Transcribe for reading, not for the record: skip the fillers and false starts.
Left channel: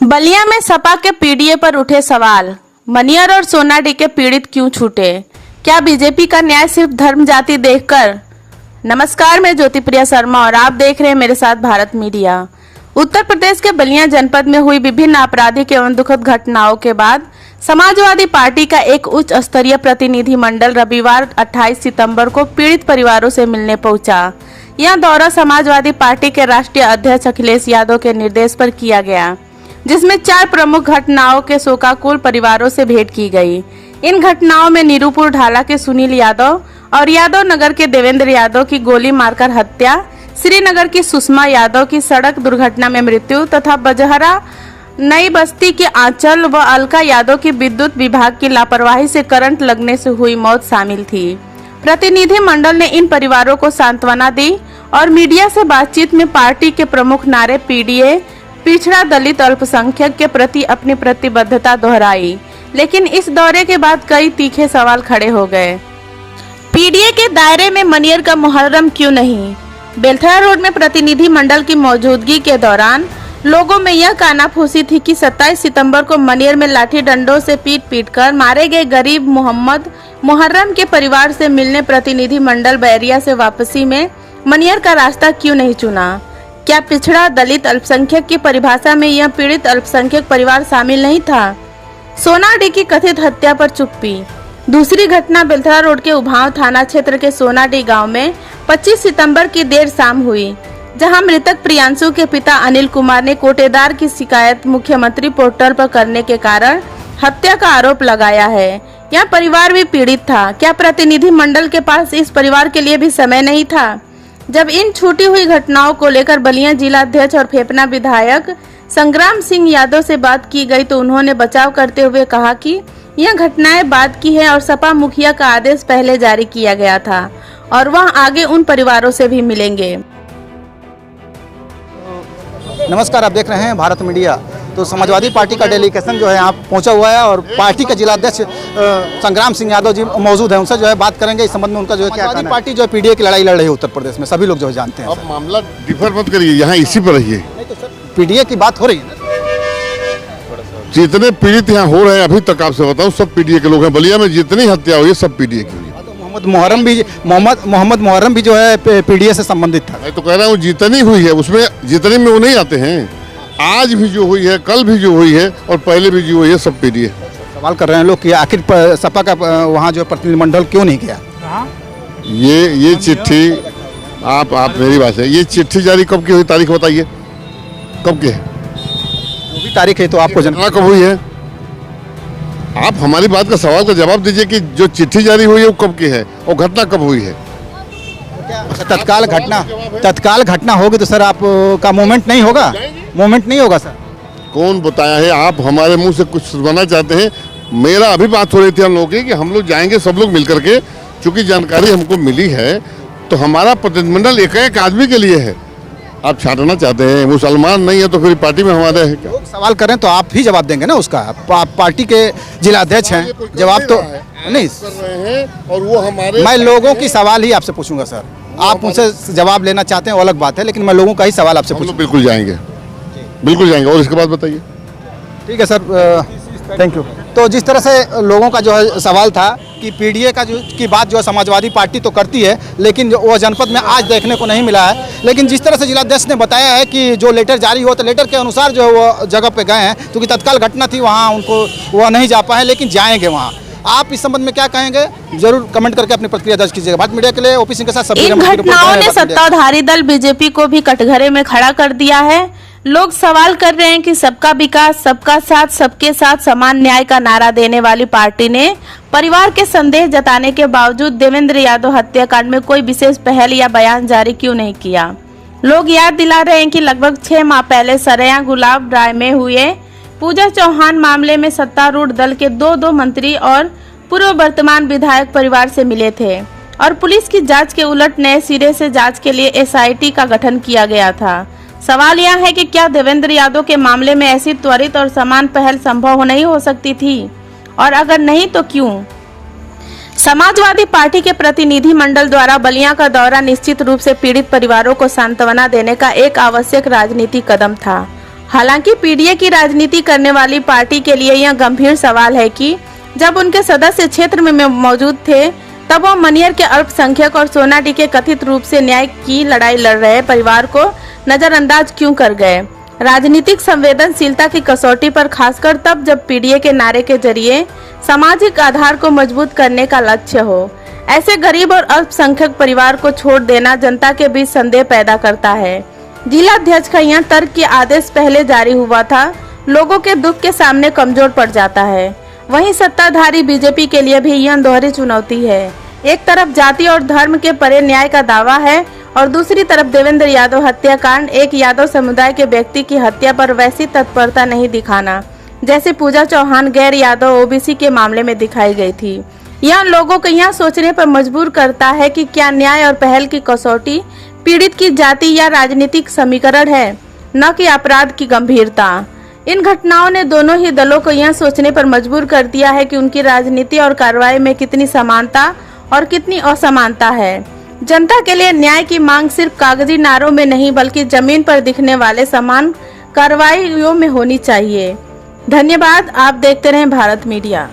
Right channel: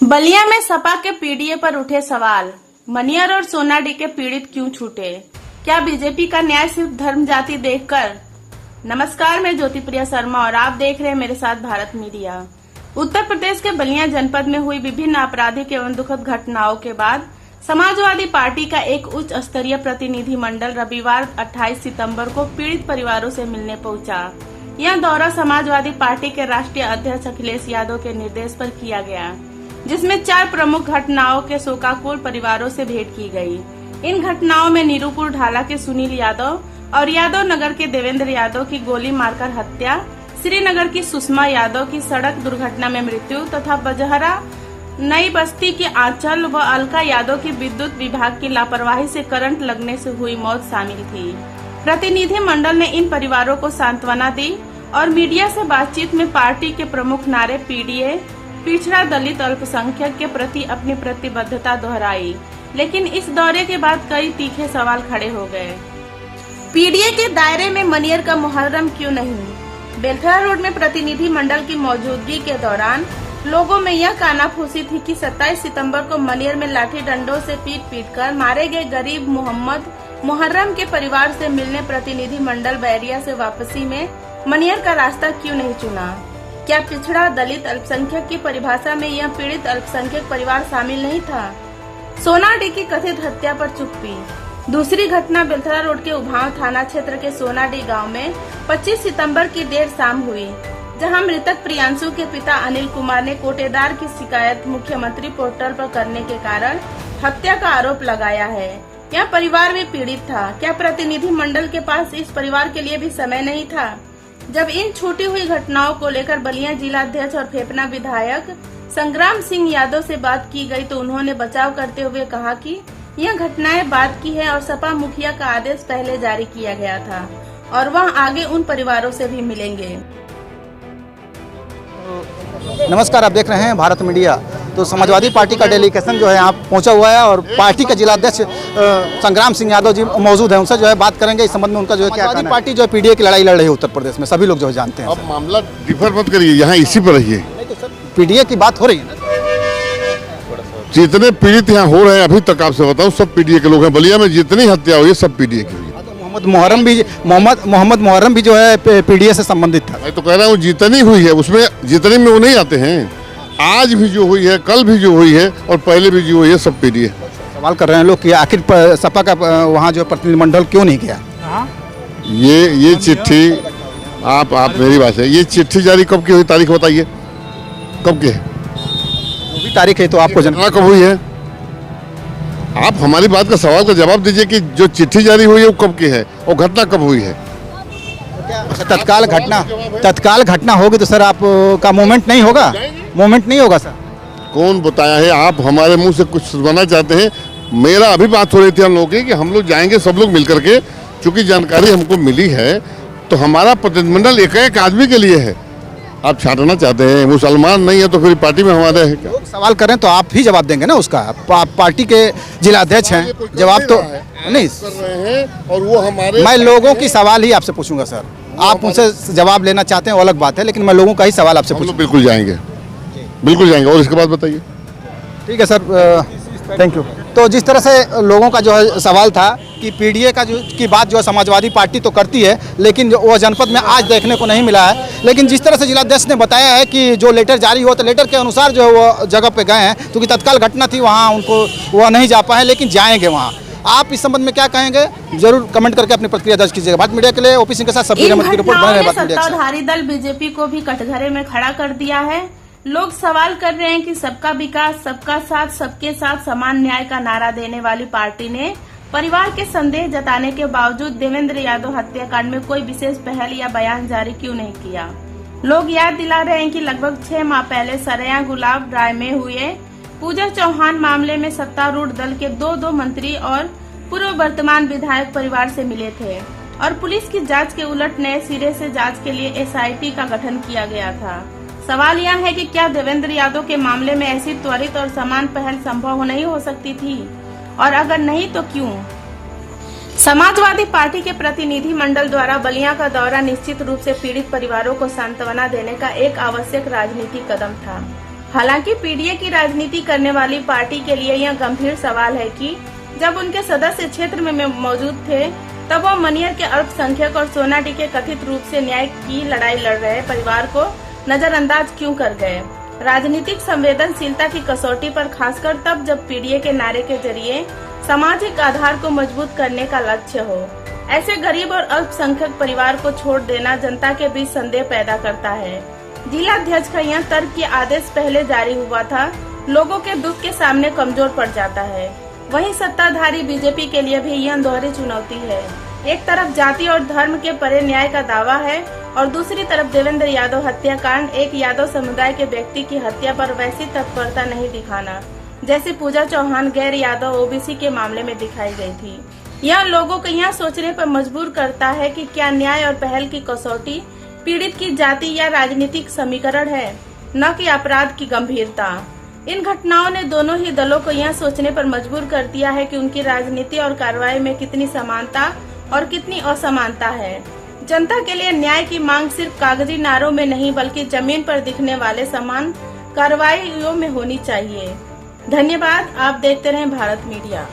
बलिया में सपा के पीडीए पर उठे सवाल। मनियर और सोनाडी के पीड़ित क्यों छूटे? क्या बीजेपी का न्याय सिर्फ धर्म जाति देखकर? नमस्कार, मैं ज्योति प्रिया शर्मा और आप देख रहे हैं मेरे साथ भारत मीडिया। उत्तर प्रदेश के बलिया जनपद में हुई विभिन्न आपराधिक एवं दुखद घटनाओं के बाद समाजवादी पार्टी का एक उच्च स्तरीय प्रतिनिधि मंडल रविवार 28 सितंबर को पीड़ित परिवारों से मिलने पहुंचा। यह दौरा समाजवादी पार्टी के राष्ट्रीय अध्यक्ष अखिलेश यादव के निर्देश पर किया गया, जिसमें 4 प्रमुख घटनाओं के शोकाकुल परिवारों से भेंट की गई। इन घटनाओं में नीरूपुर ढाला के सुनील यादव और यादव नगर के देवेंद्र यादव की गोली मारकर हत्या, श्रीनगर की सुषमा यादव की सड़क दुर्घटना में मृत्यु तथा बजहरा नई बस्ती के आंचल व अलका यादव की विद्युत विभाग की लापरवाही से करंट लगने से हुई मौत शामिल थी। प्रतिनिधि मंडल ने इन परिवारों को सांत्वना दी और मीडिया से बातचीत में पार्टी के प्रमुख नारे पीडीए, पिछड़ा, दलित, अल्पसंख्यक के प्रति अपनी प्रतिबद्धता दोहराई। लेकिन इस दौरे के बाद कई तीखे सवाल खड़े हो गए। पीडीए के दायरे में मनियर का मुहर्रम क्यों नहीं? बेलथरा रोड में प्रतिनिधि मंडल की मौजूदगी के दौरान लोगों में यह कानाफूसी थी कि 27 सितंबर को मनियर में लाठी डंडों से पीट कर मारे गए गरीब मोहम्मद मुहर्रम के परिवार से मिलने प्रतिनिधि मंडल बैरिया से वापसी में मनियर का रास्ता क्यों नहीं चुना? क्या पिछड़ा, दलित, अल्पसंख्यक की परिभाषा में यह पीड़ित अल्पसंख्यक परिवार शामिल नहीं था? सोनाडी की कथित हत्या पर चुप्पी। दूसरी घटना बेलथरा रोड के उभाव थाना क्षेत्र के सोनाडी गांव में 25 सितंबर की देर शाम हुई, जहां मृतक प्रियांशु के पिता अनिल कुमार ने कोटेदार की शिकायत मुख्यमंत्री पोर्टल पर करने के कारण हत्या का आरोप लगाया है। यह परिवार भी पीड़ित था। क्या प्रतिनिधि मंडल के पास इस परिवार के लिए भी समय नहीं था? जब इन छूटी हुई घटनाओं को लेकर बलिया जिला अध्यक्ष और फेफना विधायक संग्राम सिंह यादव से बात की गई तो उन्होंने बचाव करते हुए कहा कि यह घटनाएं बाद की है और सपा मुखिया का आदेश पहले जारी किया गया था और वह आगे उन परिवारों से भी मिलेंगे। नमस्कार, आप देख रहे हैं भारत मीडिया। तो समाजवादी पार्टी का डेलीगेशन जो है यहाँ पहुंचा हुआ है और पार्टी के जिला अध्यक्ष संग्राम सिंह यादव जी मौजूद हैं। उनसे जो है बात करेंगे इस संबंध में उनका जो है क्या कहना है। पार्टी जो है पीडीए की लड़ाई लड़ रही है उत्तर प्रदेश में, सभी लोग जो है जानते हैं। अब मामला डिफर मत करिए, यहाँ इसी पर रहिए। नहीं तो सर, पीडीए की बात हो रही है ना। जितने पीड़ित यहाँ हो रहे हैं अभी तक आपसे बताऊँ सब पीडीए के लोग हैं। बलिया में जितनी हत्या हुई है सब पीडीए की हुई है। मोहम्मद मुहर्रम भी जो है पीडीए से संबंधित था। मैं तो कह रहा हूँ जितनी हुई है उसमें जितने में वो नहीं आते हैं। आज भी जो हुई है, कल भी जो हुई है और पहले भी जो हुई है सब पीडीए। सवाल कर रहे हैं लोग कि आखिर सपा का वहाँ जो प्रतिनिधिमंडल क्यों नहीं गया? ये चिट्ठी आप मेरी बात है, ये चिट्ठी जारी कब की हुई? तारीख बताइए कब की है? जो भी तारीख है तो आपको घटना कब हुई है? आप हमारी बात का सवाल का जवाब दीजिए कि जो चिट्ठी जारी हुई है वो कब की है और घटना कब हुई है? तत्काल घटना होगी तो सर आपका मूवमेंट नहीं होगा? मूवमेंट नहीं होगा सर? कौन बताया है? आप हमारे मुंह से कुछ सुनवाना चाहते हैं? मेरा अभी बात हो रही थी हम लोगों की कि हम लोग जाएंगे सब लोग मिलकर के, चूंकि जानकारी हमको मिली है तो हमारा प्रतिनिधिमंडल एक आदमी के लिए है। आप छाटना चाहते हैं, मुसलमान नहीं है तो फिर पार्टी में हमारे है क्या? लोग सवाल करें तो आप ही जवाब देंगे ना उसका। पार्टी के जिला अध्यक्ष हैं, जवाब तो नहीं कर रहे हैं। और वो हमारे मैं लोगों की सवाल ही आपसे पूछूंगा सर। आप उनसे जवाब लेना चाहते हैं वो अलग बात है, लेकिन मैं लोगों का ही सवाल आपसे पूछूंगा। बिल्कुल जाएंगे, बिल्कुल जाएंगे। और इसके बाद बताइए। ठीक है सर, थैंक यू। तो जिस तरह से लोगों का जो है सवाल था कि पीडीए का की बात जो है समाजवादी पार्टी तो करती है, लेकिन वो जनपद में आज देखने को नहीं मिला है। लेकिन जिस तरह से जिलाध्यक्ष ने बताया है कि जो लेटर जारी हुआ तो लेटर के अनुसार जो है वो जगह पे गए हैं, क्योंकि तत्काल घटना थी वहाँ उनको वो नहीं जा पाए, लेकिन जाएंगे वहाँ। आप इस संबंध में क्या कहेंगे? जरूर कमेंट करके अपनी प्रतिक्रिया दर्ज कीजिएगा। भारत मीडिया के लिए ओपी सिंह के साथ सभी रिपोर्ट। सत्ताधारी दल बीजेपी को भी कटघरे में खड़ा कर दिया है। लोग सवाल कर रहे हैं कि सबका विकास, सबका साथ, सबके साथ समान न्याय का नारा देने वाली पार्टी ने परिवार के संदेह जताने के बावजूद देवेंद्र यादव हत्याकांड में कोई विशेष पहल या बयान जारी क्यों नहीं किया? लोग याद दिला रहे हैं कि लगभग 6 माह पहले सरैया गुलाब राय में हुए पूजा चौहान मामले में सत्तारूढ़ दल के 2 मंत्री और पूर्व वर्तमान विधायक परिवार से मिले थे और पुलिस की जांच के उलट नए सिरे से जांच के लिए एसआईटी का गठन किया गया था। सवाल यह है कि क्या देवेंद्र यादव के मामले में ऐसी त्वरित और समान पहल संभव नहीं हो सकती थी, और अगर नहीं तो क्यों? समाजवादी पार्टी के प्रतिनिधि मंडल द्वारा बलिया का दौरा निश्चित रूप से पीड़ित परिवारों को सांत्वना देने का एक आवश्यक राजनीतिक कदम था। हालांकि पीडीए की राजनीति करने वाली पार्टी के लिए यह गंभीर सवाल है कि जब उनके सदस्य क्षेत्र में मौजूद थे तब वो मनियर के अल्पसंख्यक और सोनाडी के कथित रूप से न्याय की लड़ाई लड़ रहे परिवार को नजरअंदाज क्यों कर गए। राजनीतिक संवेदनशीलता की कसौटी पर खासकर तब जब पीडीए के नारे के जरिए सामाजिक आधार को मजबूत करने का लक्ष्य हो। ऐसे गरीब और अल्पसंख्यक परिवार को छोड़ देना जनता के बीच संदेह पैदा करता है। जिला अध्यक्ष का यह तर्क के आदेश पहले जारी हुआ था, लोगों के दुख के सामने कमजोर पड़ जाता है। वहीं सत्ताधारी बीजेपी के लिए भी यह दोहरी चुनौती है। एक तरफ जाति और धर्म के परे न्याय का दावा है और दूसरी तरफ देवेंद्र यादव हत्याकांड, एक यादव समुदाय के व्यक्ति की हत्या पर वैसी तत्परता नहीं दिखाना जैसे पूजा चौहान गैर यादव ओबीसी के मामले में दिखाई गई थी। यह लोगों को यह सोचने पर मजबूर करता है कि क्या न्याय और पहल की कसौटी पीड़ित की जाति या राजनीतिक समीकरण है, न कि अपराध की गंभीरता। इन घटनाओं ने दोनों ही दलों को यह सोचने पर मजबूर कर दिया है कि उनकी राजनीति और कार्रवाई में कितनी समानता और कितनी असमानता है। जनता के लिए न्याय की मांग सिर्फ कागजी नारों में नहीं बल्कि जमीन पर दिखने वाले समान कार्रवाइयों में होनी चाहिए। धन्यवाद। आप देखते रहें भारत मीडिया।